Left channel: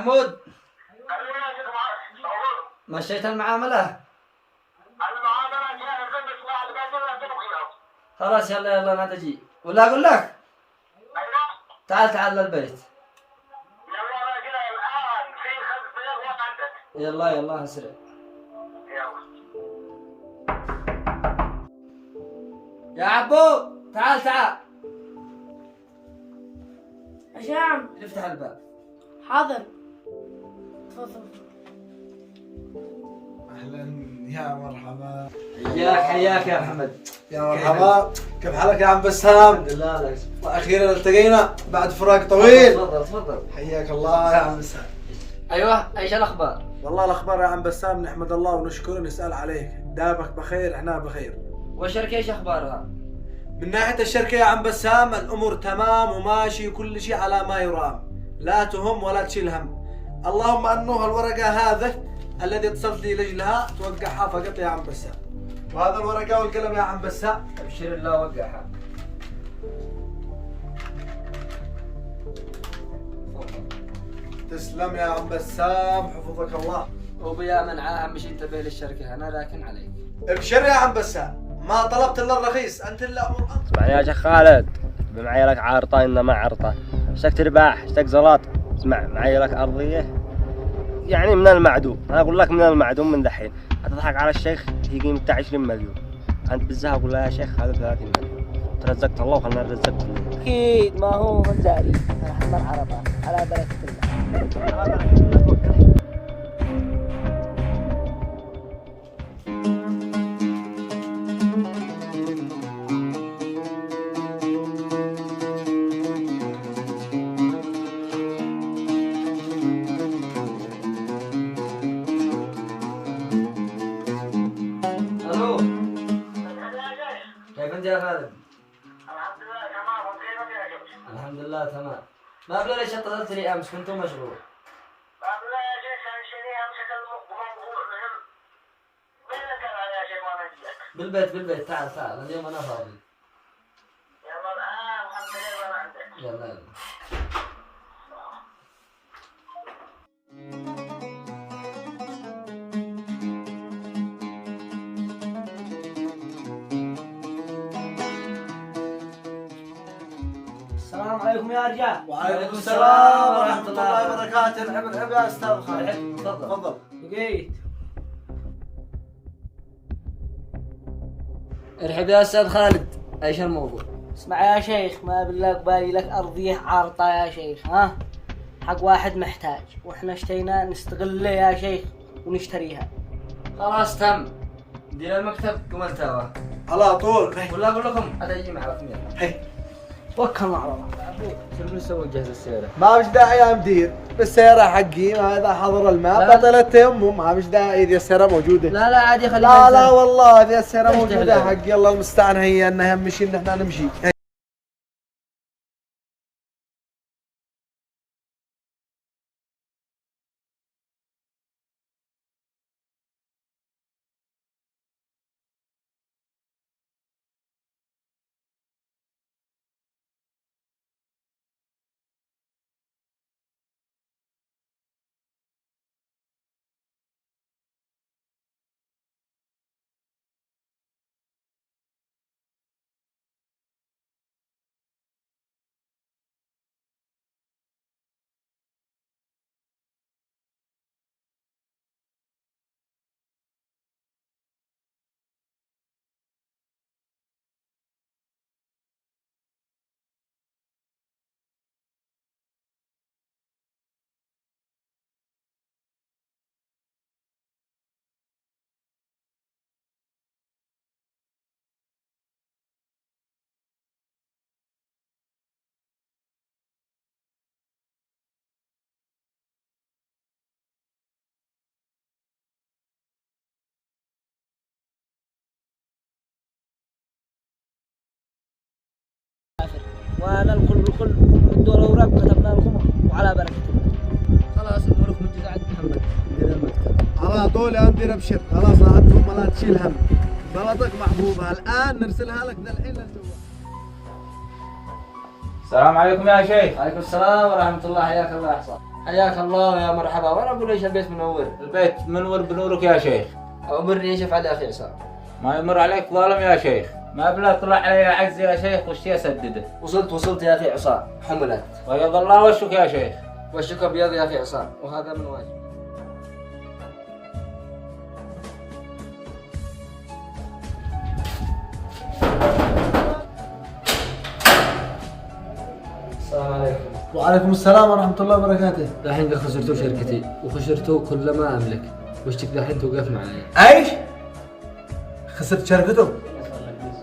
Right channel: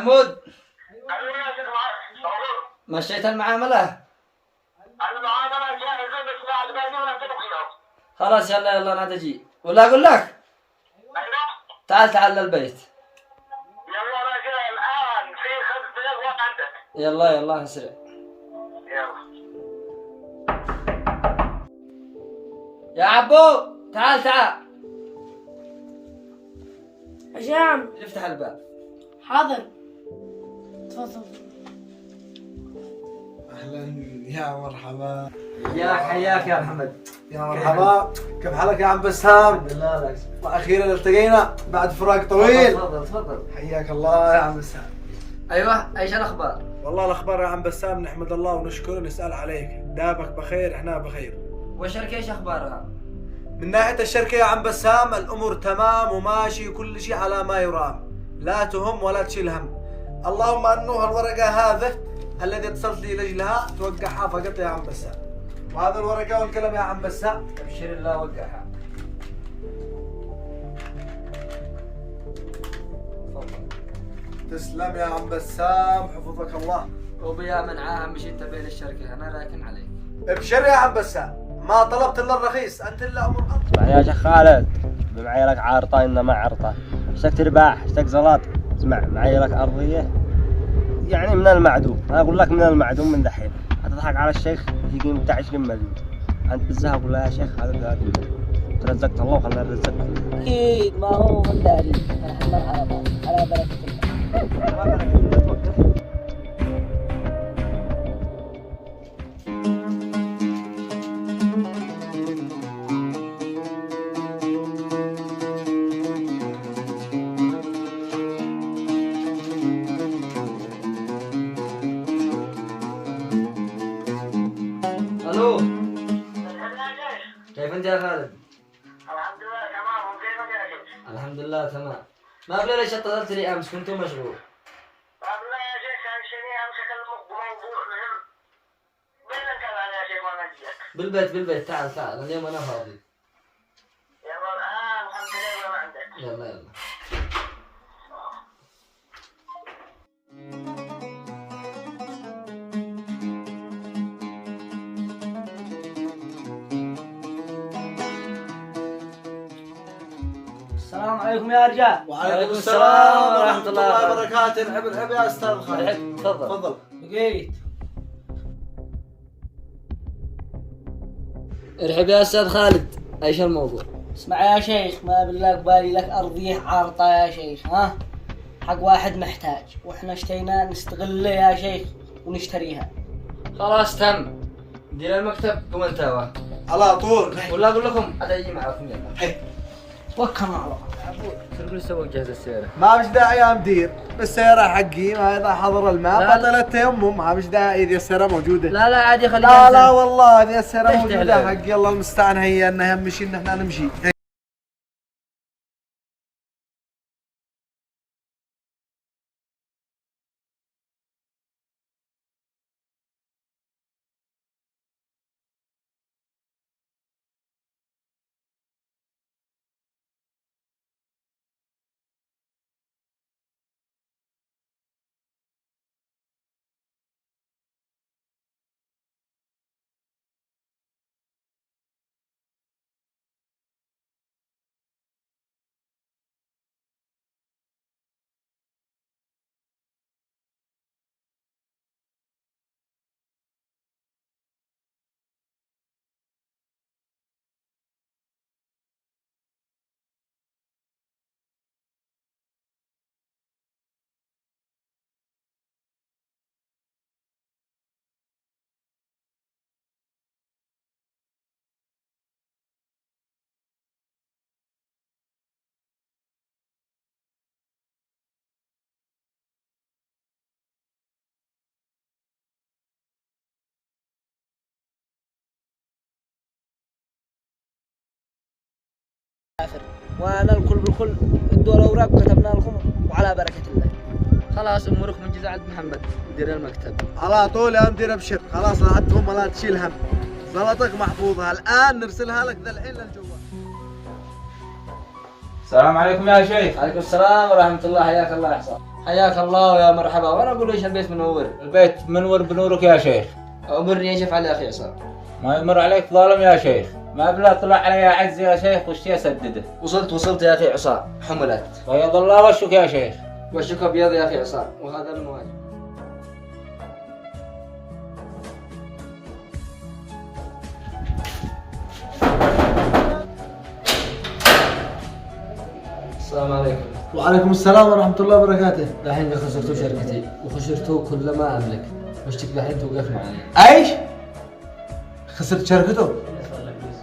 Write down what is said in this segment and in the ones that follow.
محمود مشيت المعاملة؟ خلاص يلا يلا انا تجي ولا اقول لك تعال تعال للبيت. يلا راجل الان في 5 دقائق عندك. يلا يلا اسرع. يا عبو تعال تعال. عشان افتح الباب. حاضر تفضل. اهلا يا مرحبا. حياك يا محمد. يا مرحبا، كيف حالك يا عم بسام؟ الحمد لله. اخيرا التقينا بعد فراق طويل. تفضل تفضل. حياك الله يا عم بسام. ايوه ايش الاخبار؟ والله الاخبار يا عم بسام نحمد الله ونشكره ونسال عليك، دابك بخير احنا بخير. والشركة ايش اخبارها؟ من ناحيه الشركه يا عم بسام الامور تمام وماشي وكل شيء على ما يرام، لا تهم ولا تشيل هم. اللهم انه الورقه هذا الذي اتصلت لي لاجلها توقعها فقط يا عم بسام، وهذا الورقه والقلم يا عم بسام. ابشر الله وقعها. تسلم يا عم بسام حفظك الله. وبيا من اهم شيء انتبه للشركة انا راكن عليك. ابشر يا عم بسام، ما طلبت الا الرخيص، انت الا امور انت. اسمع يا شيخ خالد، معي لك عارطه انما عرطه، اشتك ترباح اشتك زلاط. اسمع معي لك ارضيه يعني من المعدوم، انا اقول لك من المعدوم من دحين. هتضحك على الشيخ هي قيمتها 20 مليون، انت بالزها اقول له يا شيخ هذا 30 مليون. ترزقت الله وخلنا نرزقك. اكيد ما هو من داري انا مرحبا على بركه الله. على بركه الله توكل. الو كيف انت يا خالد؟ الحمد لله تمام. وكيفك يا شيخ؟ الحمد لله تمام. ما بلي ليش اتصلت لي امس كنت مشغول. والله يا شيخ كان شيء امسك بموضوع مهم. بينك يا شيخ وانا اجيك. بالبيت تعال تعال اليوم انا فاضي. يلا الان الحمد لله وانا عندك. يلا يلا. السلام عليكم يا رجال. وعليكم السلام ورحمه الله وبركاته. العب العب يا استاذ خالد. تفضل تفضل. لقيت ارحب يا استاذ خالد، ايش الموضوع؟ اسمع يا شيخ، ما بالله قبالي لك ارضيه عارطه يا شيخ، ها حق واحد محتاج واحنا اشتينا نستغله يا شيخ ونشتريها. خلاص تم. دير المكتب قم انت على طول. ولا اقول لكم اتجي معكم يلا. توكل على الله. شو نسوي نجهز السيارة؟ ما فيش داعي يا مدير، بالسيارة حقي اذا حضر الماء لا. بطل التيمم، ما فيش داعي ذي السيارة موجودة. لا عادي خليها. لا والله ذي السيارة ليش موجودة تهلل؟ حقي. الله المستعان، هي انها يمشي ان احنا نمشي. وانا الكل بالكل ادوا الاوراق وكتبنا لكم وعلى بركه الله. خلاص امورك منجزة عند محمد مدير المكتب. على طول يا مدير ابشر، خلاص لا عدهم ولا تشيل هم، غلطك محفوظة الان نرسلها لك ذا الحين للجوال. السلام عليكم يا شيخ. عليكم السلام ورحمة الله، حياك الله يا حسام. حياك الله يا مرحبا. وانا اقول ليش البيت منور؟ البيت منور بنورك يا شيخ. امرني ايش افعل يا اخي عصام؟ ما يمر عليك ظالم يا شيخ. ما بلا طلع علي عز يا شيخ وشتي اسدده. وصلت يا اخي عصام. حملت. بيض الله وشك يا شيخ. وشك ابيض يا اخي عصام، وهذا من واجب. السلام عليكم. وعليكم السلام ورحمة الله وبركاته. دحين خسرتوا شركتي وخسرتوا كل ما املك، وش دحين توقف معي؟ ايش؟ خسرت شركته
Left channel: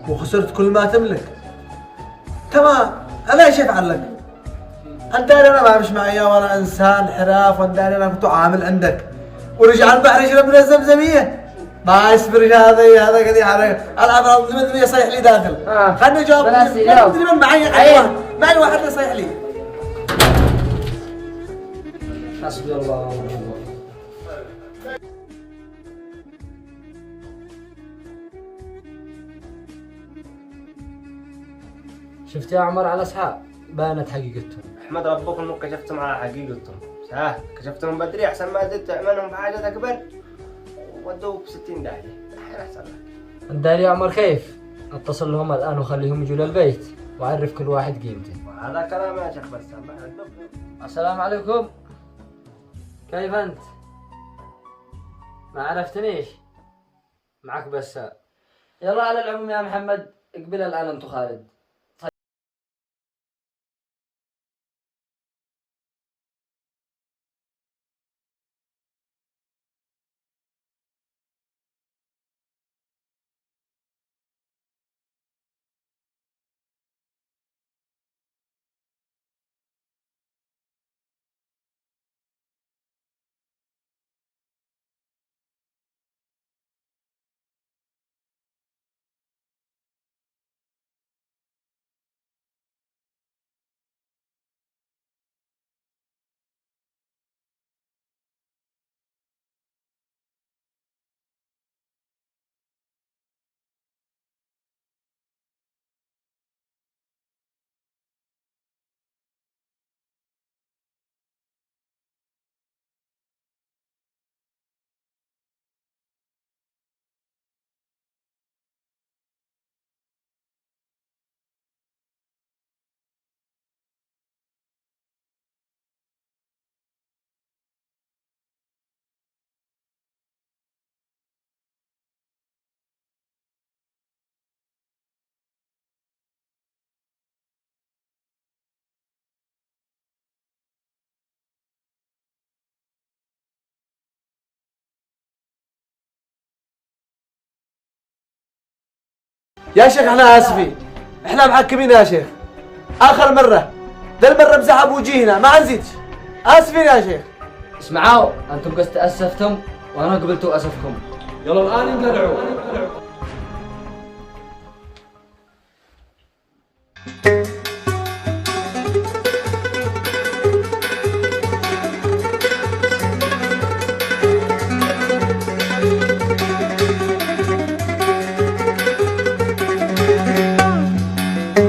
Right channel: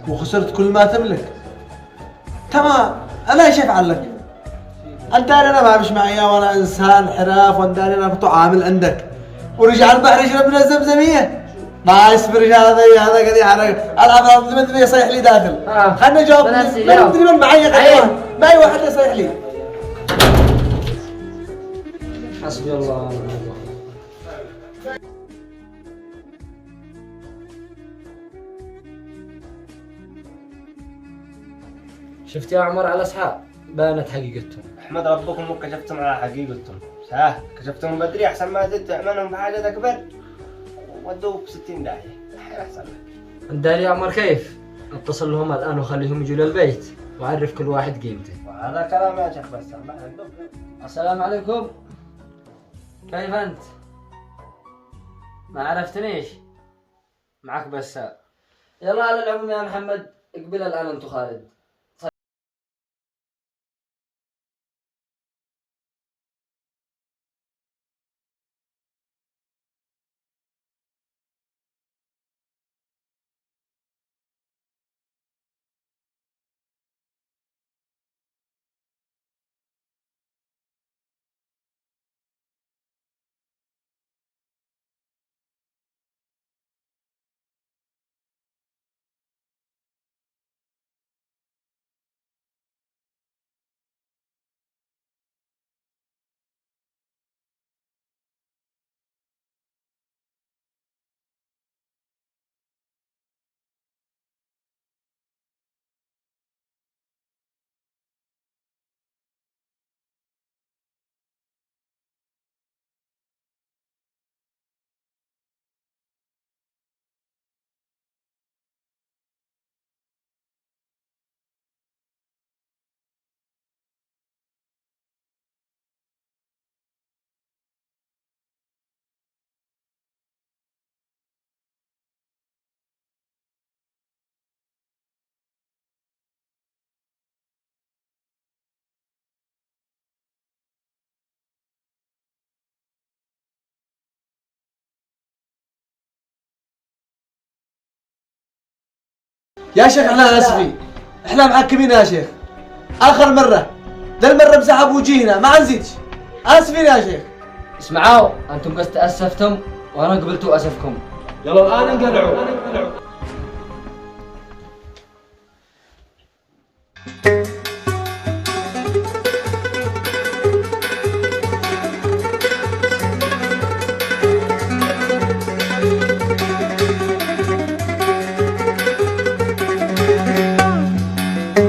وخسرت كل ما تملك. تمام، انا ايش افعل لك؟ انت انا ما مش معي وانا انسان حراف، وانت انا كنت عامل عندك ورجع البحر يشرب من الزمزميه. ما يصبر هذا قد العب الزمزميه صيح لي داخل. خلني اجاوب. ما ادري من معي معي واحد يصيح لي. حسبي الله ونعم الوكيل. شفت يا عمر على اصحاب بانت حقيقتهم. احمد ربكم انكم كشفتم على حقيقتهم. كشفتهم بدري احسن ما زدت تعملهم بحاجه اكبر ودوك ب 60 داهيه. احسن لك. انت يا عمر كيف؟ اتصل لهم الان وخليهم يجوا للبيت واعرف كل واحد قيمته. هذا كلام يا شيخ بس. السلام عليكم. كيف انت؟ ما عرفتنيش؟ معك بسام. يلا على العموم يا محمد اقبل الان انت خالد. يا شيخ احنا اسفين، احنا محكمين يا شيخ. اخر مرة ذا المرة مسحب وجيهنا ما نزيدش. اسفين يا شيخ. اسمعوا انتم قد تأسفتم وانا قبلتوا اسفكم. يلا الان انقلعوا.